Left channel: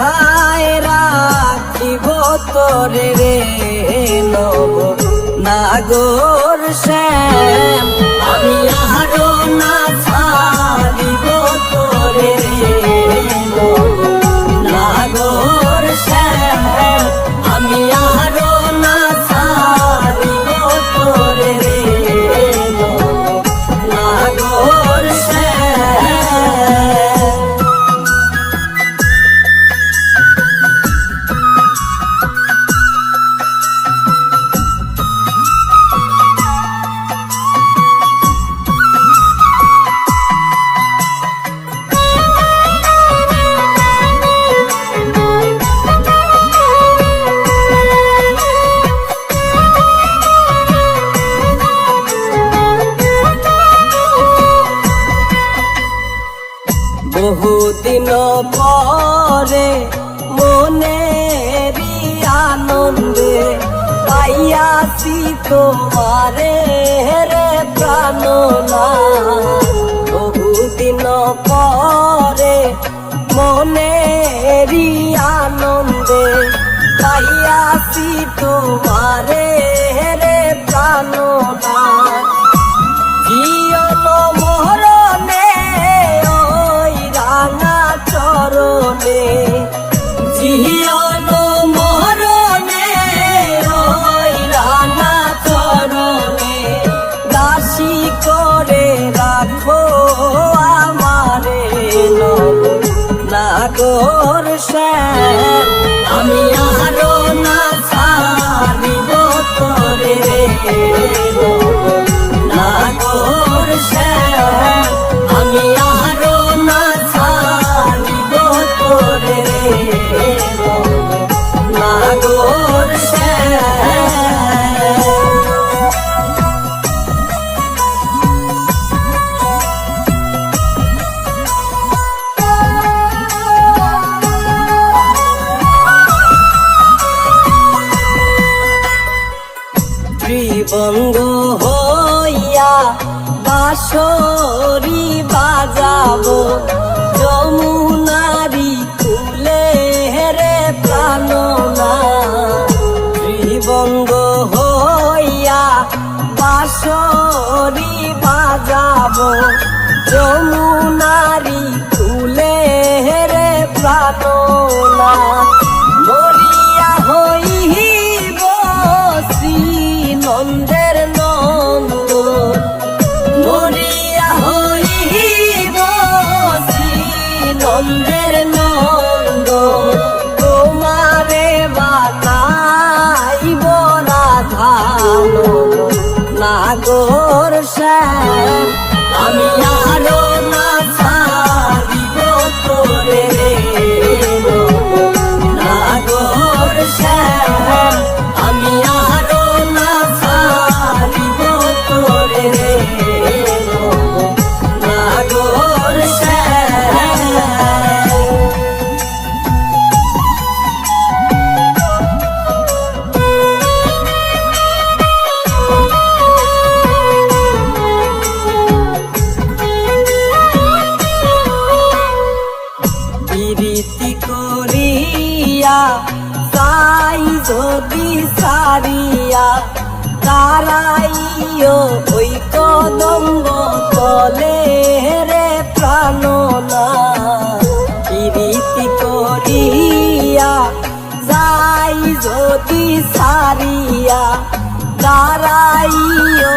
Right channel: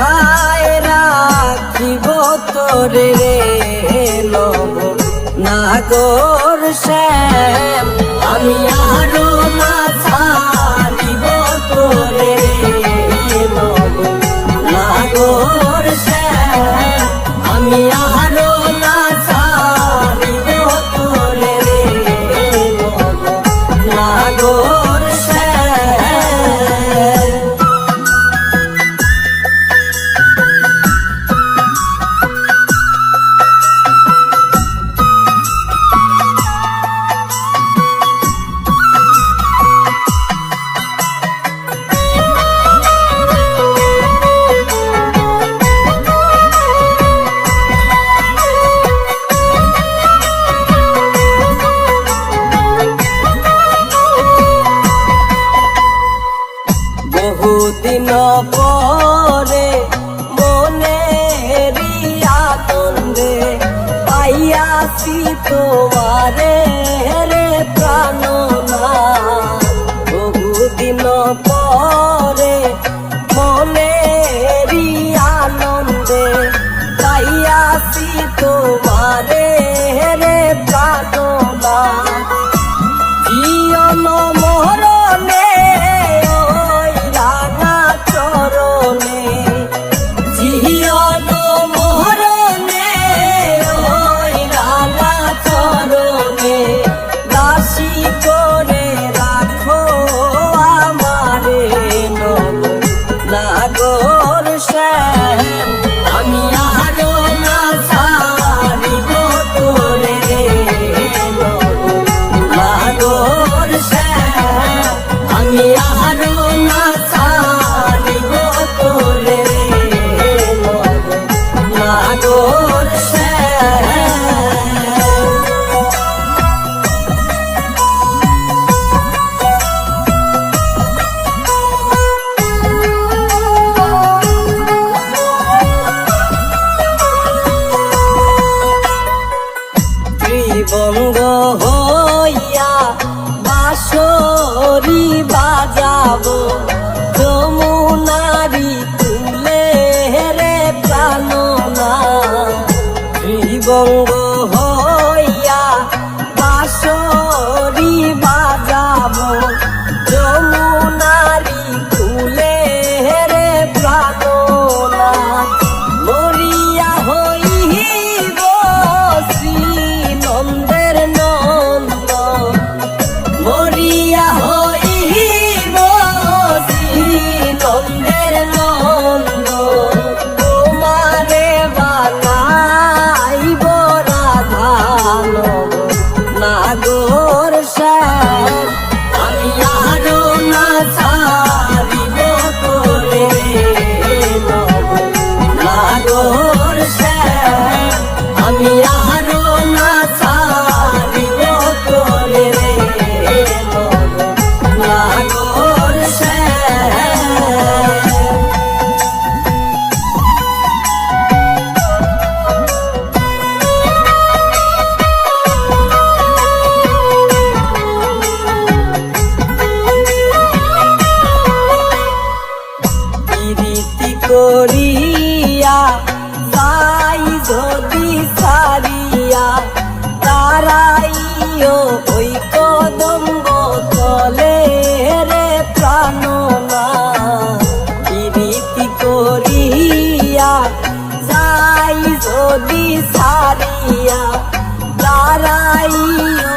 কোথায় রাখিব তোরে নব নাগর শ্যাম আমি আরো না ছাড়িব তোরে নব নাগর শ্যাম আমি আরো না ছাড়িব তোরে নব নাগর শ্যাম। বহুদিন পরে মনেরি আনন্দে পাইয়াছি তোমারে রে প্রাণনাথ। বহুদিন পরে মনেরি আনন্দে পাইয়াছি তোমারে রে প্রাণনাথ। জীবন মরণে ওই রাঙা চরণে জীবন মরণে ওই রাঙা চরণে দাসী করে রাখো আমারে নব নাগর শ্যাম আমি আরো না ছাড়িব তোরে নব নাগর শ্যাম আমি আরো না ছাড়িব তোরে নব নাগর শ্যাম। ত্রিবঙ্গ হইয়া বাঁশরি বাজাবো যমুনারি তুলে রে প্রাণনাথ। ত্রিবঙ্গ হইয়া বাঁশরি বাজাবো যমুনারি তুলে রে প্রাণনাথ। মরিয়া হইব শ্রী নন্দের নন্দ মরিয়া হইব শ্রী নন্দের নন্দ তোমারে বানাইব রাধা নাগর শ্যাম আমি আরো না ছাড়িব তোরে নব নাগর শ্যাম আমি আরো না ছাড়িব তোরে নব নাগর শ্যাম। প্রীতি করিয়া যাই যদি সারিয়া তারাইও ওই কদম্ব তলে রে প্রাণনাথ। প্রীতি করিয়া যাই যদি সারিয়া তারাইও